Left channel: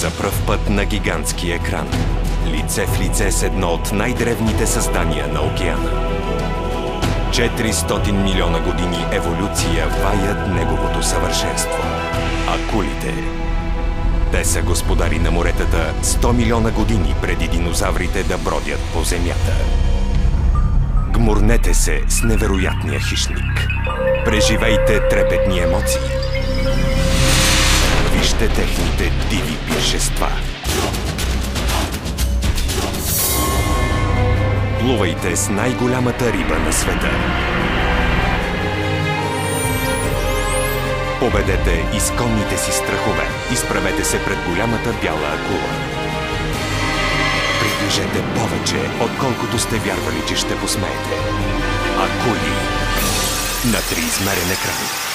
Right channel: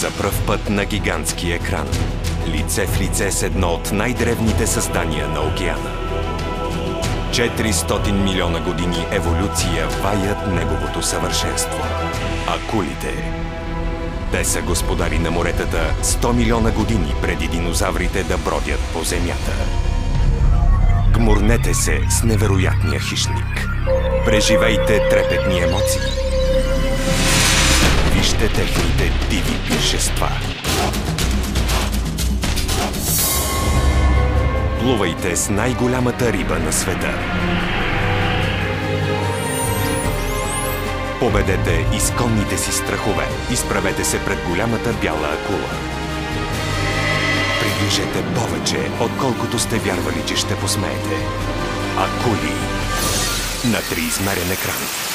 За пръв път на гигантски екран. Лице в лице с едно от най-древните създания на океана. 400 милиона години еволюция ваят неговото съвършенство. Акулите. Те са господари на моретата 100 милиона години преди динозаврите да бродят по земята. Гмурнете се с невероятния хищник. Преживейте трепетни емоции. Вижте техните диви пиршества. Плувайте с най-голямата риба на света. Победете изконните си страхове. Изправете се пред голямата бяла акула. Приближете повече, отколкото сте вярвали, че ще посмеете. Акули на триизмерен екран.